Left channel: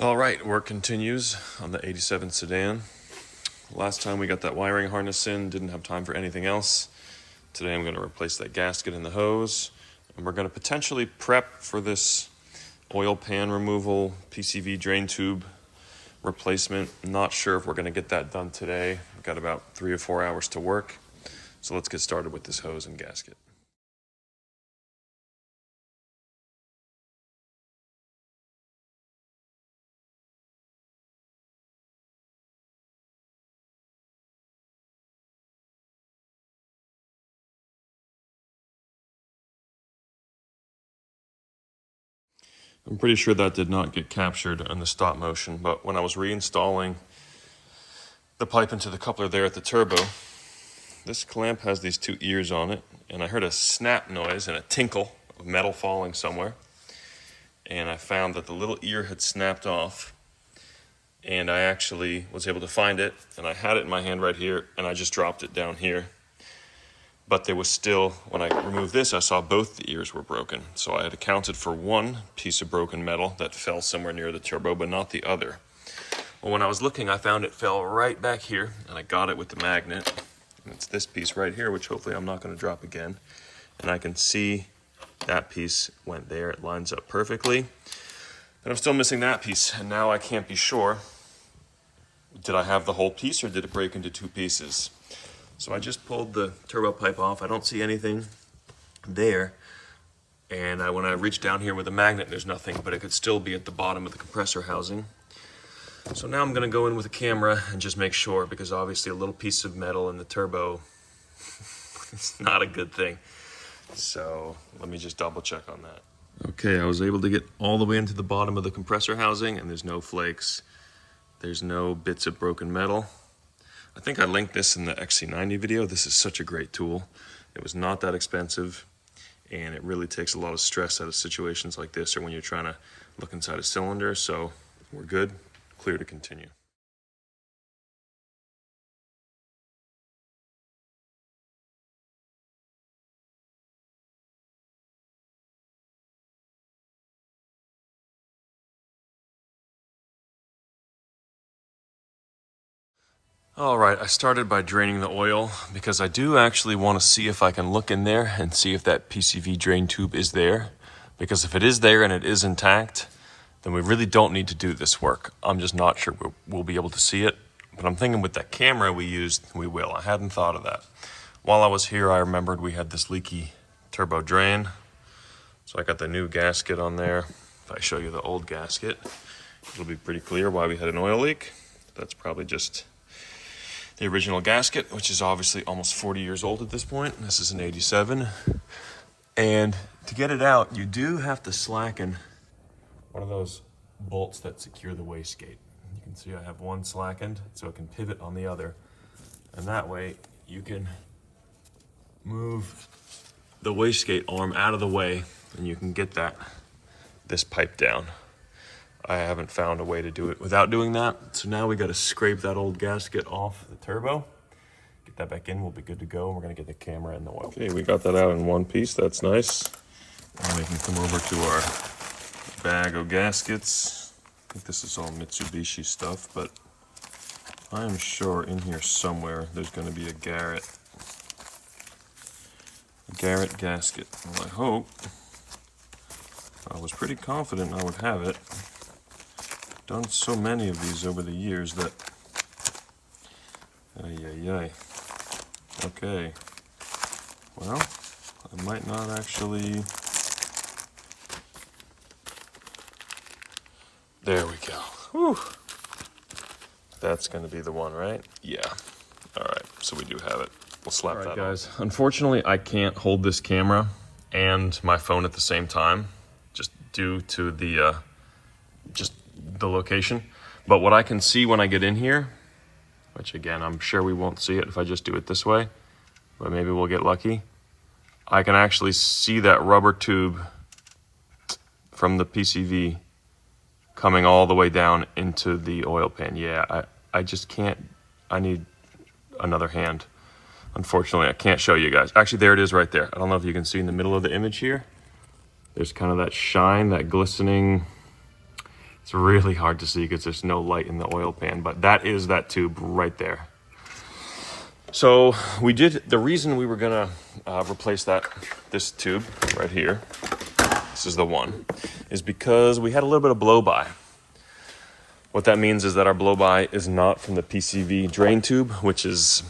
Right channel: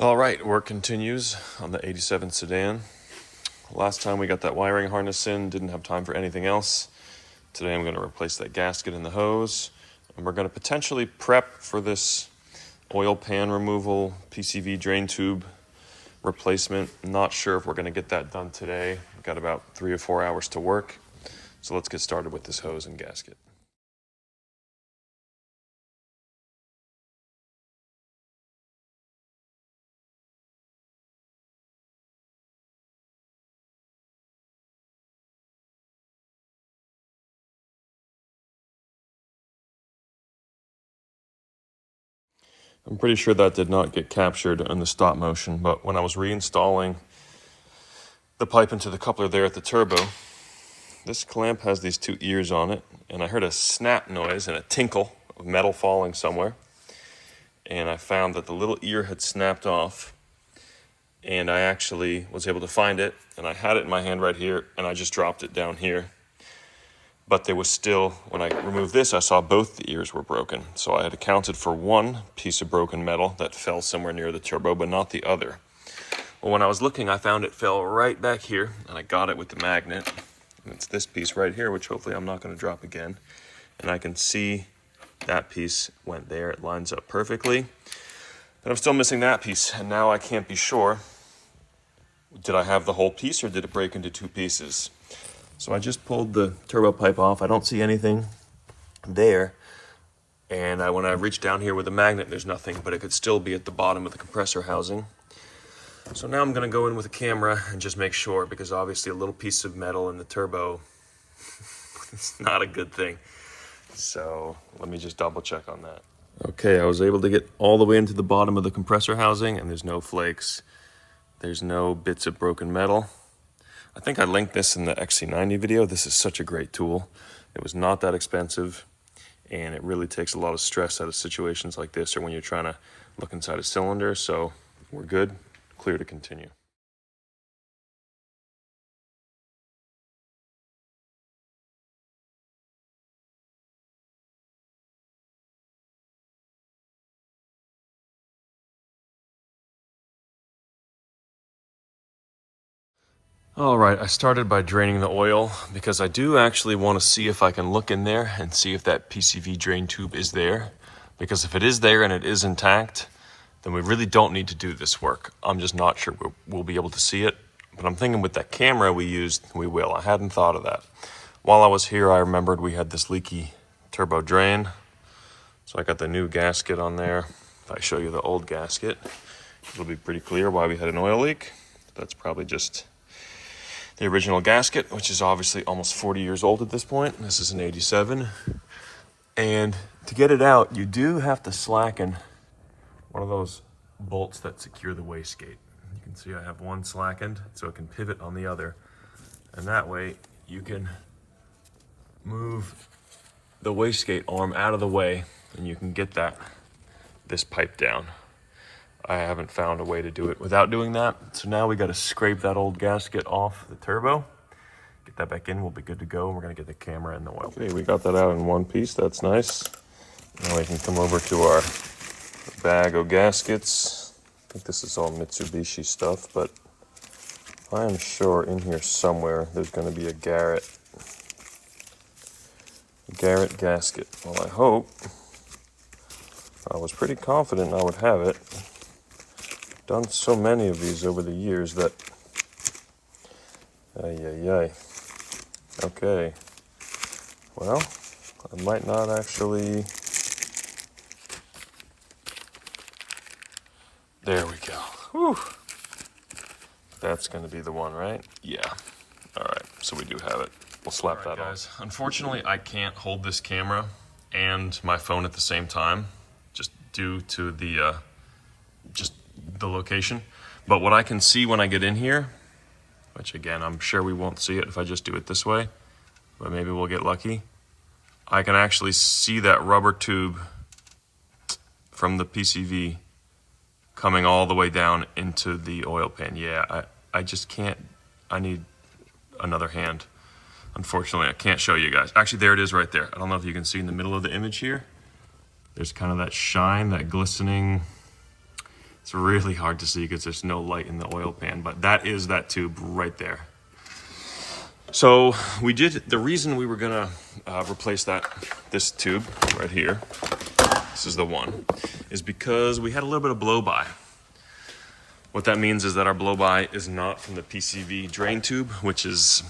All right, work continues on the 87 sedan. Last time we got that wiring harness in, didn't have time for anything else. Today I'm going to replace that gasket in the hose, and we're going to potentially prep for this oil pan removal, PCV drain tube replacement. Not sure if we're going to get that done today. We've got about 3 or 4 hours to work, so let's get started with this hose and gasket. I'm pretty sure that did not get captured in the stop motion, but when I was reinstalling the pipe into the coupler there at the turbo, this clamp has these 2 ears on it, and I heard a snap noise and a tinkle of metal falling somewhere. And I found that the little ear had snapped off, and I actually was able to find it, and I had it in my hand right here, and I just dropped it down here. But there was still, when I removed this, I saw both the ears were broken. So I had accounted for one piece of broken metal that fell somewhere near the turbo, but not the other. Well, when I was looking, I found it fell right back here, and I got it with the magnet. And it's this piece right here, which hopefully I'm not going to drop again. And I can see that piece went there. It lines up perfectly. But I'm still missing that piece, and now I can't be sure. Did I have the whole piece, or did it break into 2 pieces? So I just pulled the turbo pipe off. I don't see anything there. And when I reach down here with a magnet, there's nothing, but it could still be at the bottom of the compressor housing. So now I'm gonna go in with a camera and just make sure, because obviously a little piece of metal in the turbo is not a good thing. So let me just double check on that. Okay, I was able to get all the way into the bottom of the compressor housing, and there's no flakes. There's no bits of broken metal. I think I linked this in the XC90 video. This is such a great tool. It was not that expensive, and it really takes a lot of stress out of situations like this or when you're trying to look inside a cylinder. So we're good, clear to continue. All right, I started by draining the oil because I do actually want to see if I can look in there and see if that PCV drain tube is there. Because if it is there and it is intact, then we really don't need to do this work. I'm just not sure we'll be able to see it. But I'm thinking with that camera we used, we will. I hadn't thought of that. While I was here, I remembered we had this leaky turbo drain. So I got the new gasket on there. If I show you the old gasket, it'll be pretty clear why we had an oil leak. That's probably just the original gasket, which is obviously almost 40 years old at this point. This is an 87. And to get it out, you do have to slacken one of those bolts that secure the wastegate. You can see I have one slackened, so it can pivot on the other. And that way you can move the wastegate arm out of the way, and you can get this pipe down. I haven't found a way to do it without doing that. So now we got to scrape that old gasket off the turbo. Get that back in, we'll be good to go. And we're gonna get the camera in the oil. Okay, we got that out in one piece, that's nice. Now we can come over to our bag of gaskets. I think this is all Mitsubishi stuff, but I am sure in here somewhere there's gonna be a Garrett gasket. Well, I hope. I was pretty confident I would have it. Done so many of these over the years that okay, well, I might not actually. There we go. Whew. That's gonna be the one, right? Yeah. All right, so we do have it. We'll slap that on. Guys, unfortunately I can't hold this camera and my phone at the same time, just due to the location. But what I can see when I get in here, which again, I'm sure we won't see it if I just do it this way, but maybe we'll get lucky. I can actually see that rubber tube from the PCV coming all the way down into the oil pan. Yeah, I just can't, I need another hand. Unfortunately, I can't show you guys. Actually, there it is right there. I don't know if you can see in the middle of the image here. There's kind of that shine, that glistening. It's really hard to see because there's no light in the oil pan, but that is that tube right there. So the reason we were gonna replace this tube right here, this is the one, is because we had a little bit of blow-by. What that means is that our blow-by is not from the PCV drain tube, which is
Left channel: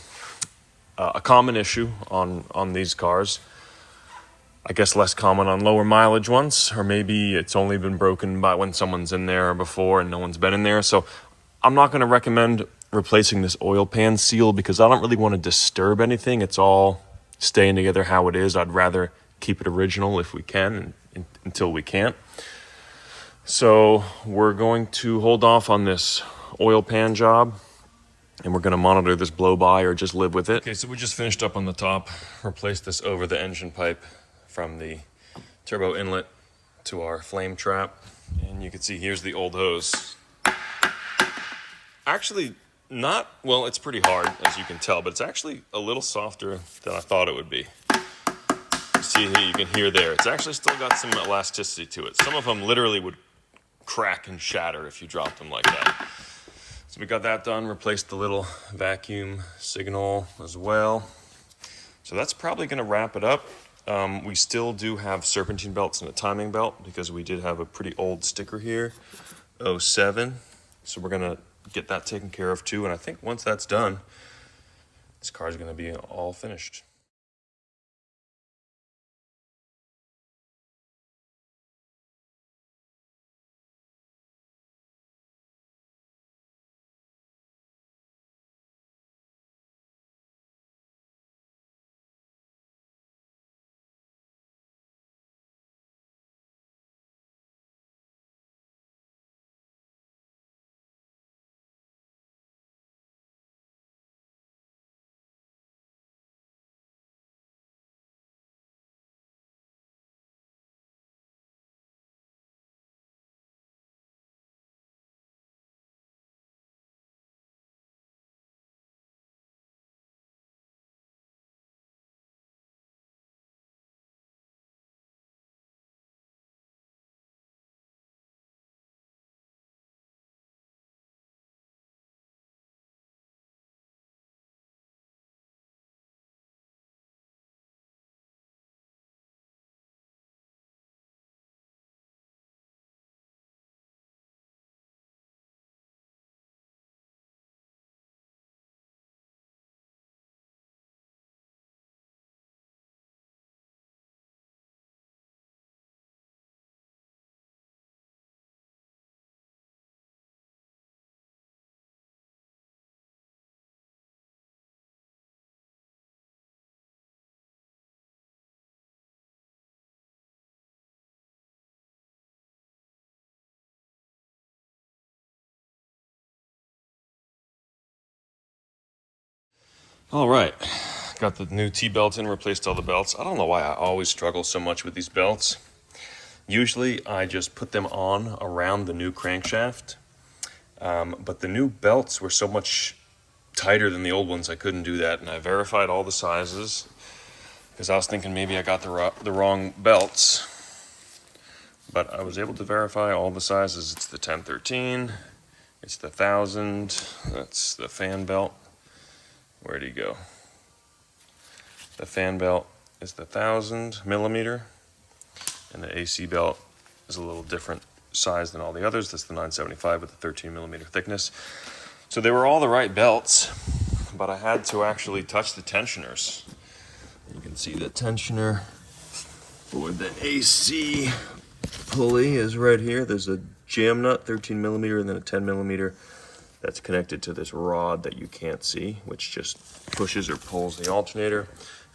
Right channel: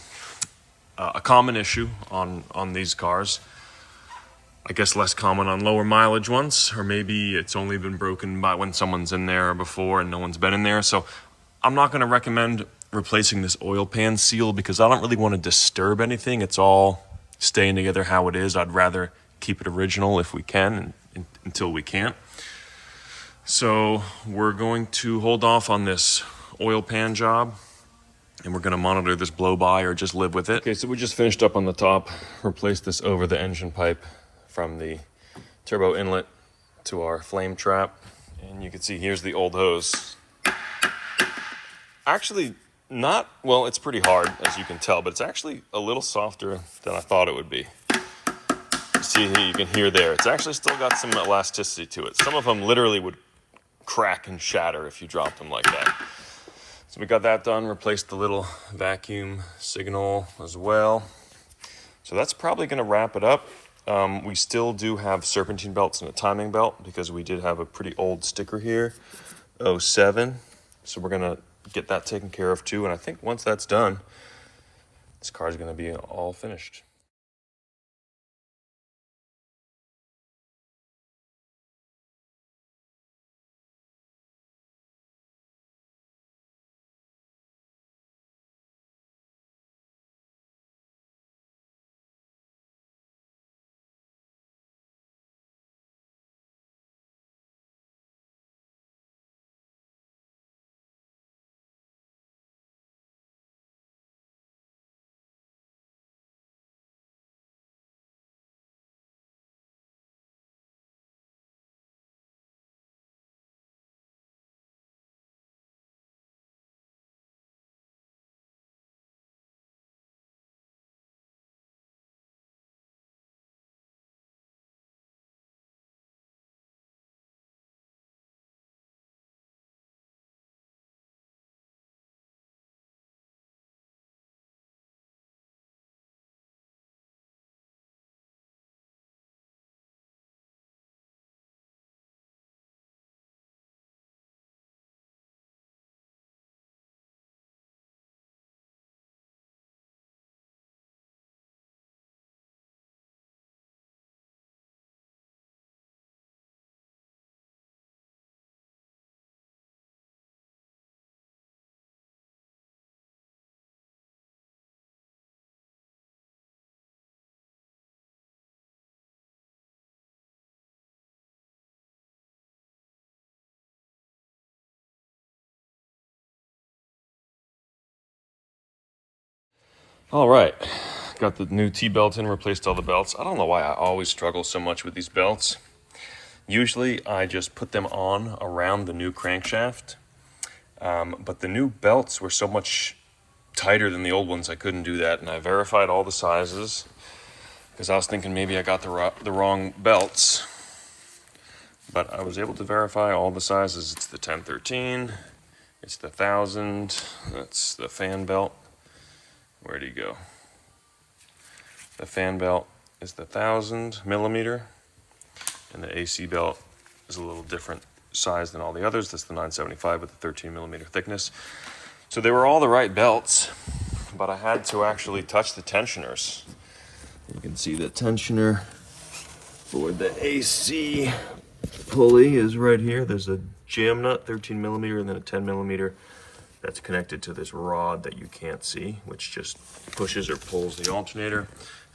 a common issue on these cars. I guess less common on lower mileage ones, or maybe it's only been broken by when someone's in there before and no one's been in there. So I'm not going to recommend replacing this oil pan seal because I don't really want to disturb anything. It's all staying together how it is. I'd rather keep it original if we can until we can't. So we're going to hold off on this oil pan job, and we're going to monitor this blow-by or just live with it. Okay, so we just finished up on the top, replaced this over the engine pipe from the turbo inlet to our flame trap. And you can see here's the old hose. Actually, well, it's pretty hard, as you can tell, but it's actually a little softer than I thought it would be. See, you can hear there, it's actually still got some elasticity to it. Some of them literally would crack and shatter if you dropped them like that. So we got that done, replaced the little vacuum signal as well. So that's probably gonna wrap it up. We still do have serpentine belts and a timing belt because we did have a pretty old sticker here, 07. So we're gonna get that taken care of too. And I think once that's done, this car is gonna be all finished. All right, got the new T-belt in, replaced all the belts. I don't know why I always struggle so much with these belts. Usually I just put them on around the new crankshaft, but the new belts were so much tighter than the old ones, I couldn't do that. And I verified all the sizes because I was thinking maybe I got the wrong belts, but I was able to verify all the sizes. It's the 1013, it's the 1000, that's the fan belt. Where'd he go? The fan belt is the 1000 millimeter, and the AC belt is a little different size than all the others. That's the 975 with the 13 millimeter thickness. So they were all the right belts, but I had to actually touch the tensioners. You can see the tensioner for the AC pulley is right here. There's a jam nut, 13 millimeter, and then a 10 millimeter that's connected to this rod that you can't see, which just pushes or pulls the alternator.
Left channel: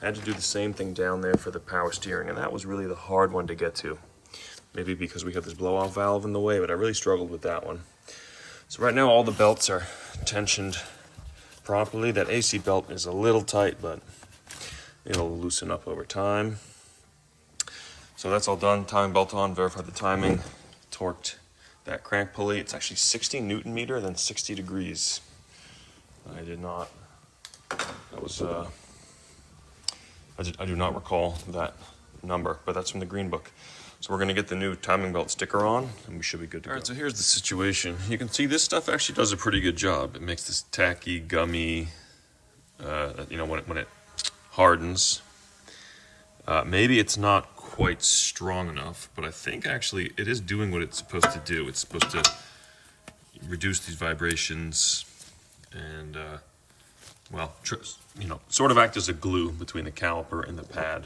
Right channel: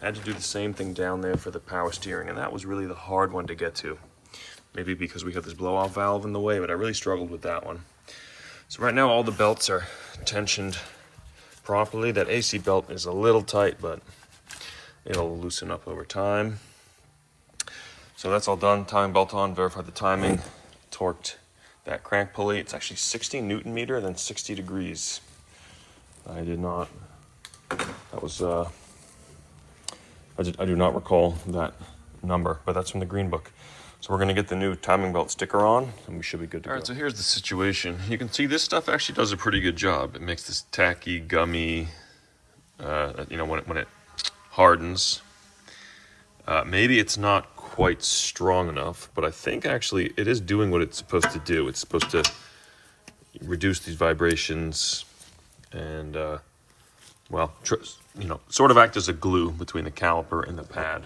I had to do the same thing down there for the power steering, and that was really the hard one to get to. Maybe because we have this blow-off valve in the way, but I really struggled with that one. So right now all the belts are tensioned properly. That AC belt is a little tight, but it'll loosen up over time. So that's all done. Timing belt on, verified the timing, torqued that crank pulley. It's actually 60 Newton meter, then 60 degrees. I did not, that was, I do not recall that number, but that's from the green book. So we're gonna get the new timing belt sticker on and we should be good to go. All right, so here's the situation. You can see this stuff actually does a pretty good job. It makes this tacky, gummy, you know, when it hardens. Maybe it's not quite strong enough, but I think actually it is doing what it's supposed to do. It's supposed to reduce these vibrations and, well, you know, sort of act as a glue between the caliper and the pad.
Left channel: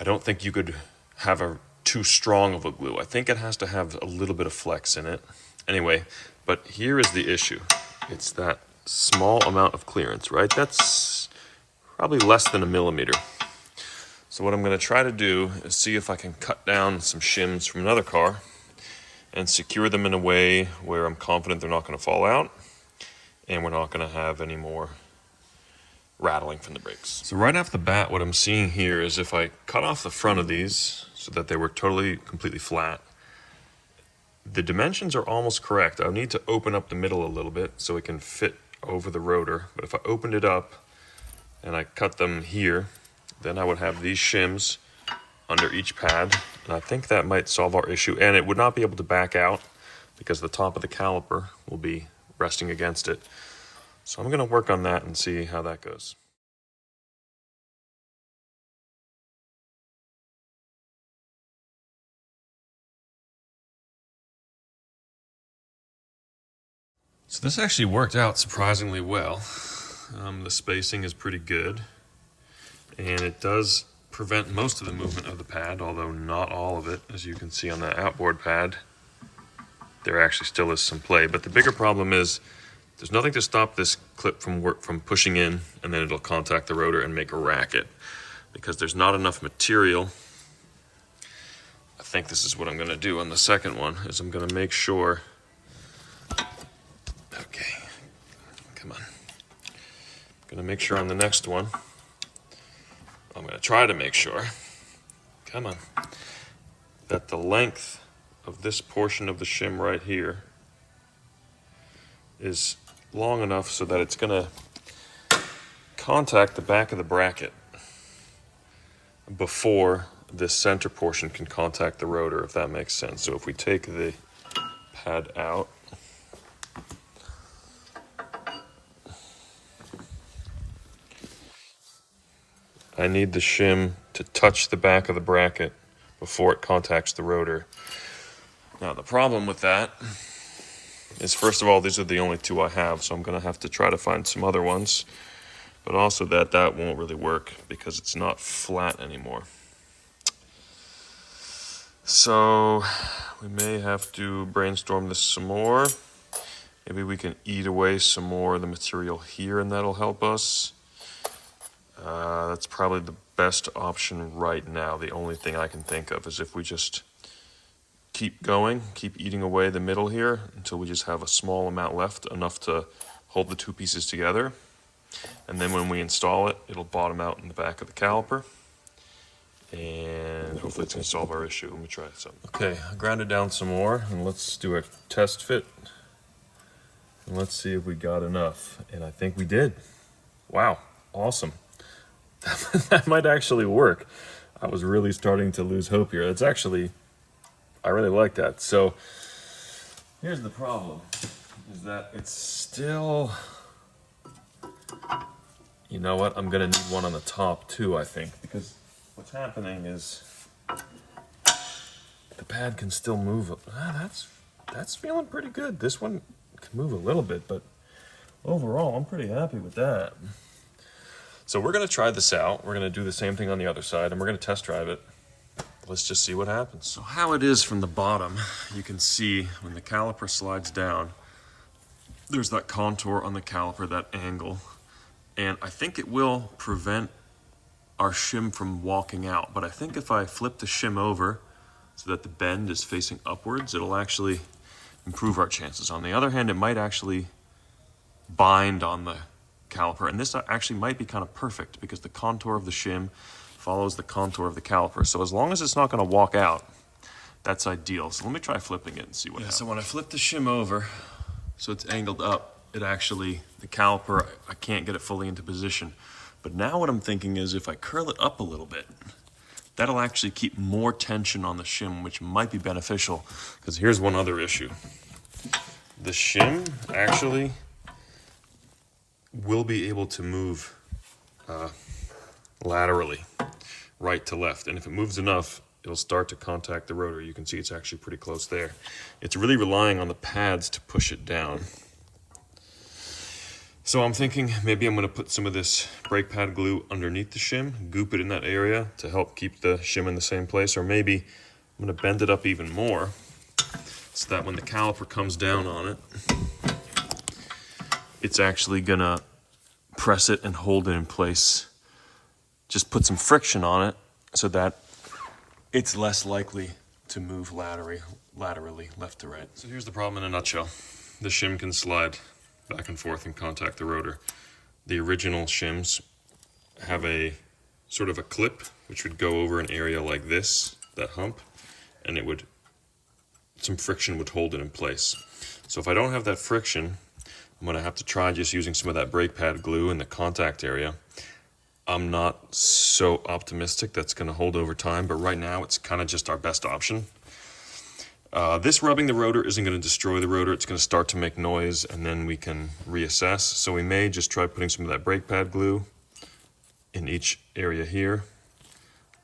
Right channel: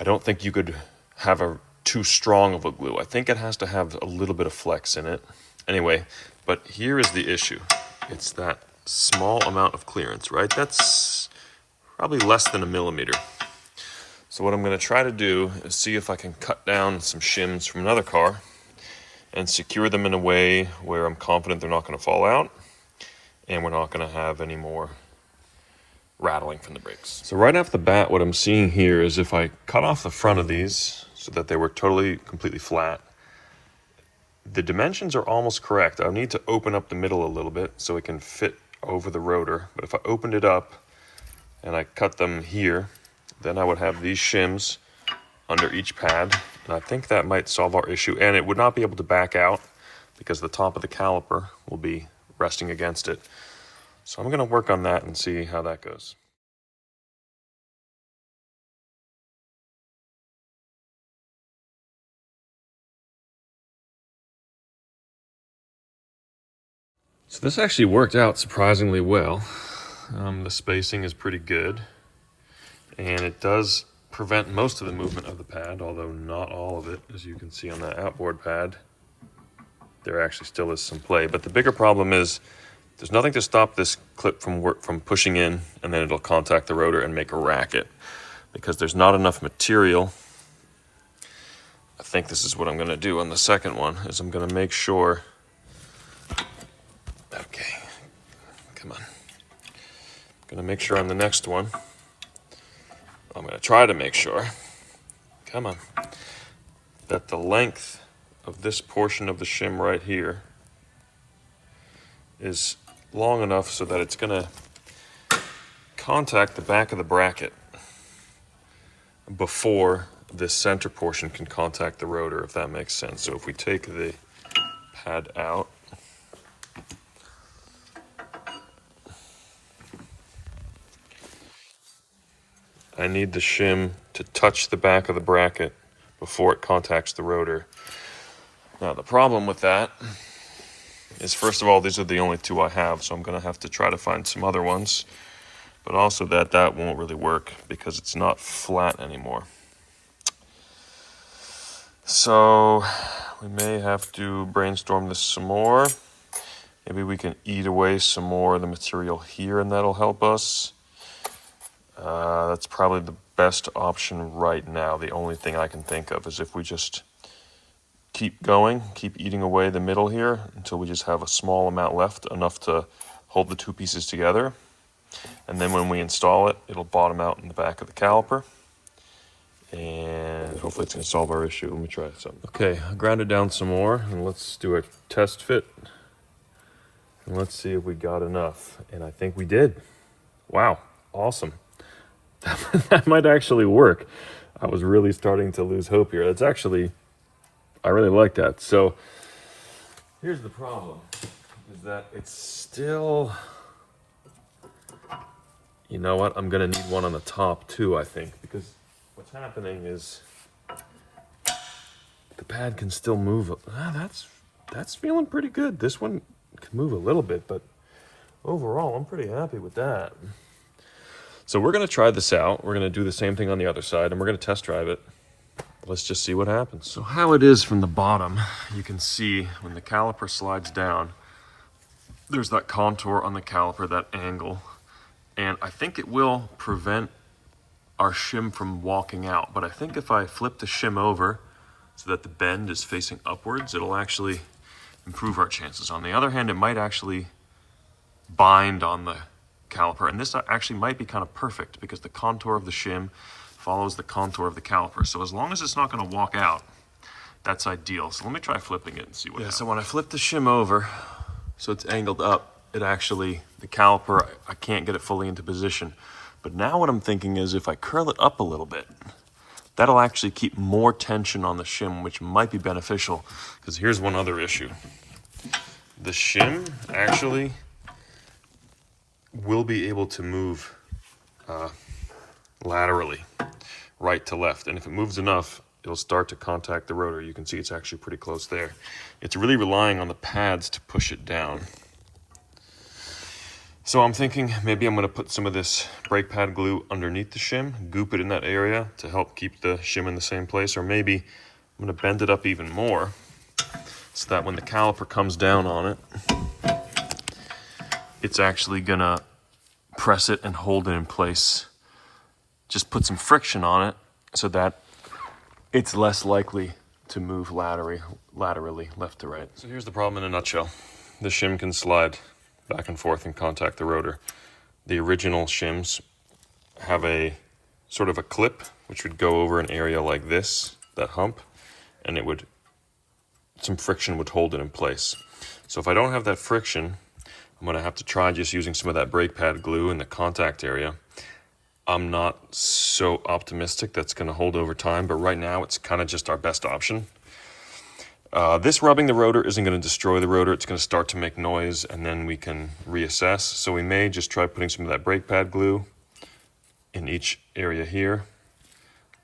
I don't think you could have too strong of a glue. I think it has to have a little bit of flex in it. Anyway, but here is the issue. It's that small amount of clearance, right? That's probably less than 1 millimeter. So what I'm gonna try to do is see if I can cut down some shims from another car and secure them in a way where I'm confident they're not gonna fall out and we're not gonna have any more rattling from the brakes. So right off the bat, what I'm seeing here is if I cut off the front of these so that they were completely flat, the dimensions are almost correct. I'll need to open up the middle a little bit so it can fit over the rotor. But if I opened it up and I cut them here, then I would have these shims under each pad. And I think that might solve our issue. And it would not be able to back out because the top of the caliper will be resting against it. So I'm gonna work on that and see how that goes. So this actually worked out surprisingly well. The spacing is pretty good. And it does prevent most of the movement of the pad, although not all of it. As you can see on that outboard pad, there actually still is some play. But the bigger problem is there's nothing to stop this clip from pushing in, and then it'll contact the rotor and make a racket because there's not enough material. I think this is what I'm gonna do on the second one, is I'm gonna make sure, okay, come on. I'm gonna make sure on the next one, I'm gonna try to make sure, come on, that the length of this portion of the shim right here is long enough so that it's gonna contact the back of the bracket before this center portion can contact the rotor, if that makes sense. So if we take the pad out, I need the shim to touch the back of the bracket before it contacts the rotor. Now the problem with that is, first of all, these are the only two I have, so I'm gonna have to try to find some other ones, but also that won't really work because it's not flat anymore. So we may have to brainstorm this some more. Maybe we can eat away some more of the material here and that'll help us. That's probably the best option right now. The only thing I can think of is if we just keep going, keep eating away the middle here until we just have a small amount left, enough to hold the two pieces together. And then when we install it, it'll bottom out in the back of the caliper. And hopefully it's gonna solve our issue. Let me try something. Okay, I ground it down some more and let's do a test fit. And let's see if we got enough. And I think we did. Wow, awesome. That might actually work. I was really starting to lose hope here. That's actually, I really like that. So here's the problem, is that it's still, you know what, I'm gonna need one on the top too, I think, because what's happening is the pad can still move. That's feeling pretty good. This one can move a little bit, but overall, I'm pretty happy with that. So we're gonna try this out. We're gonna do the same thing on the other side and we're gonna test drive it. Let's just see what happens. So how it is from the bottom, you can see when the caliper slides down, there's that contour on the caliper, that angle. And I think it will prevent our shim from walking out. But I think if I flip the shim over so that the bend is facing upwards, it'll actually improve our chances. On the other hand, it might actually bind on the caliper. And this actually might be kind of perfect because the contour of the shim follows the contour of the caliper. So as long as it's not gonna walk out, that's ideal. So let me try flipping it and see what happens. So when I flip the shim over, so it's angled up, it actually, the caliper, I can't get it fully into position. But now what I'm thinking is if I curl it up a little bit, that'll actually keep more tension on the shim, which might be beneficial. Because here's one other issue. The shim actually will be able to move laterally, right to left. And if it moves enough, it'll start to contact the rotor. You can see it's actually pretty close there. It's really relying on the pads to push it down. So I'm thinking maybe I'm going to put some of this brake pad glue underneath the shim, goop it in that area to help keep the shim in the same place, or maybe I'm going to bend it up even more so that when the caliper comes down on it, it's actually going to press it and hold it in place. Just put some friction on it so that it's less likely to move laterally left to right. So here's the problem in a nutshell. The shim can slide back and forth and contact the rotor. The original shims have a sort of a clip which would go over an area like this, that hump, and some friction would hold it in place. So if I don't have that friction, I'm going to have to try just using some of that brake pad glue in the contact area. I'm not so optimistic that's going to hold over time, but right now it's kind of just our best option. This rubbing the rotor isn't going to destroy the rotor. It's going to start to make noise, and then we can reassess. So we may just try putting some of that brake pad glue in each area here,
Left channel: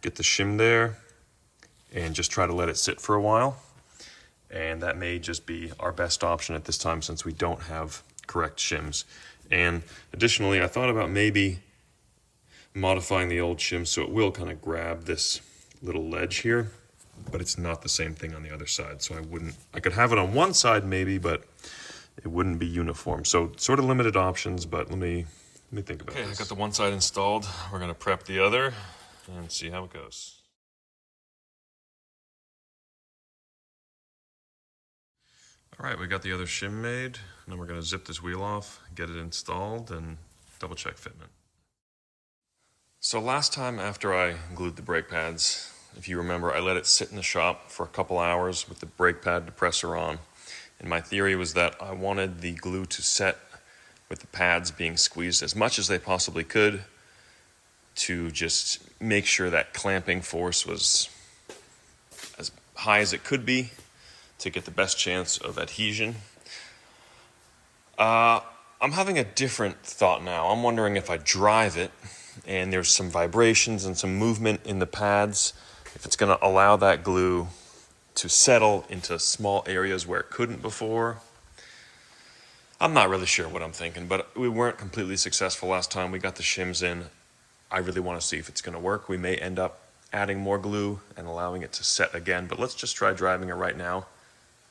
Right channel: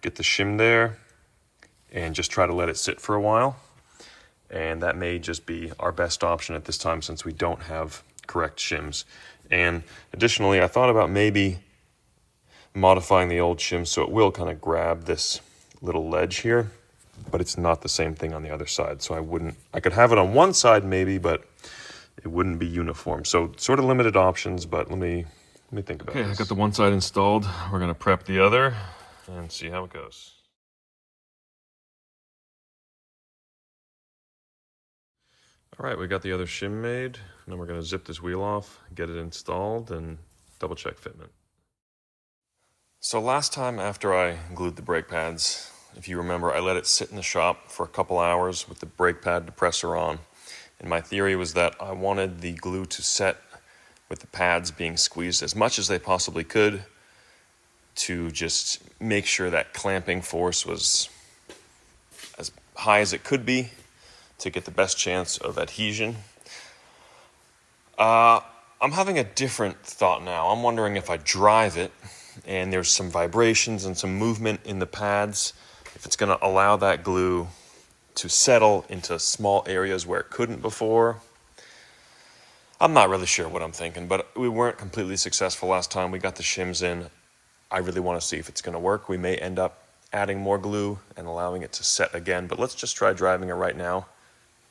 get the shim there, and just try to let it sit for a while. And that may just be our best option at this time since we don't have correct shims. And additionally, I thought about maybe modifying the old shim so it will kind of grab this little ledge here, but it's not the same thing on the other side. So I could have it on one side maybe, but it wouldn't be uniform. So sort of limited options, but let me think about it. Okay, I got the one side installed. We're gonna prep the other and see how it goes. All right, we got the other shim made. Now we're gonna zip this wheel off, get it installed, and double check fitment. So last time after I glued the brake pads, if you remember, I let it sit in the shop for a couple hours with the brake pad depressor on. And my theory was that I wanted the glue to set with the pads being squeezed as much as they possibly could to just make sure that clamping force was as high as it could be to get the best chance of adhesion. I'm having a different thought now. I'm wondering if I drive it and there's some vibrations and some movement in the pads, if it's going to allow that glue to settle into small areas where it couldn't before. I'm not really sure what I'm thinking, but we weren't completely successful last time. We got the shims in. I really want to see if it's going to work. We may end up adding more glue and allowing it to set again, but let's just try driving it right now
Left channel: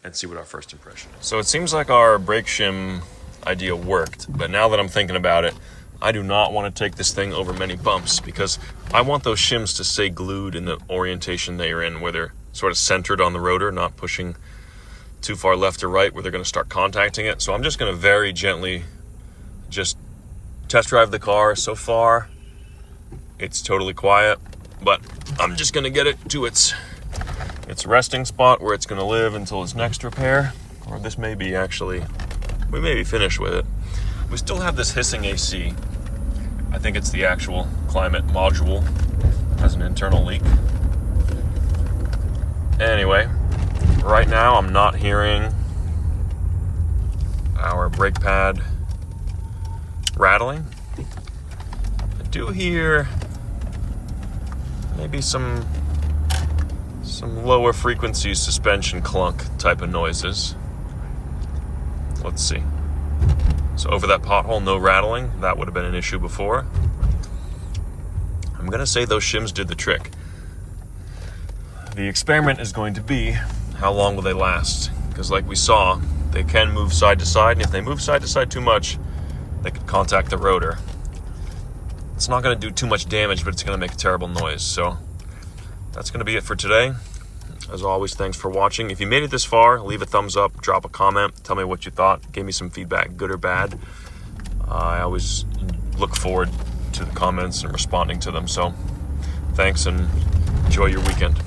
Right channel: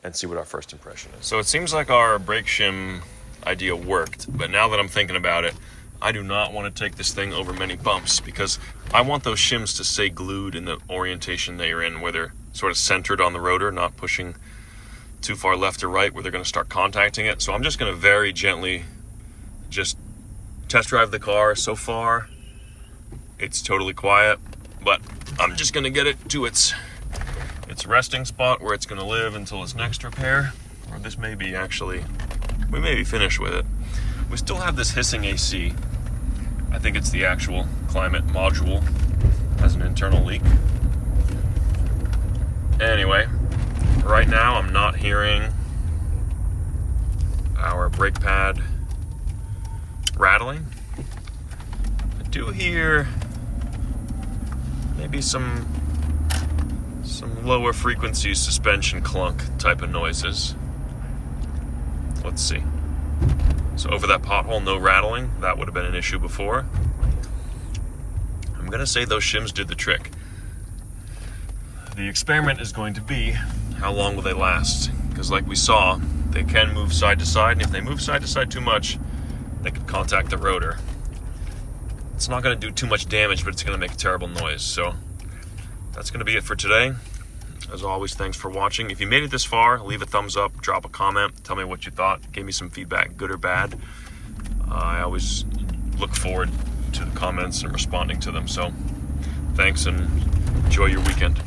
and see what our first impression is. So it seems like our brake shim idea worked, but now that I'm thinking about it, I do not want to take this thing over many bumps because I want those shims to stay glued in the orientation they're in, where they're sort of centered on the rotor, not pushing too far left or right where they're going to start contacting it. So I'm just going to very gently just test drive the car. So far, it's totally quiet, but I'm just going to get it to its resting spot where it's going to live until its next repair. Or this may be we may be finished with it. We still have this hissing AC. I think it's the actual climate module. Has an internal leak. Anyway, right now I'm not hearing our brake pad rattling. I do hear maybe some lower frequency suspension clunk type of noises. Let's see. So over that pothole, no rattling. That would have been an issue before. I'm going to say those shims did the trick. The experiment is going to be how long will they last? Because like we saw, they can move side to side, and if they move side to side too much, they could contact the rotor. It's not going to do too much damage, but it's going to make a terrible noise. So that's going to be it for today. As always, thanks for watching. If you made it this far, leave a thumbs up, drop a comment, tell me what you thought, give me some feedback, good or bad. I always look forward to the comments and responding to them. So thanks and enjoy your weekend.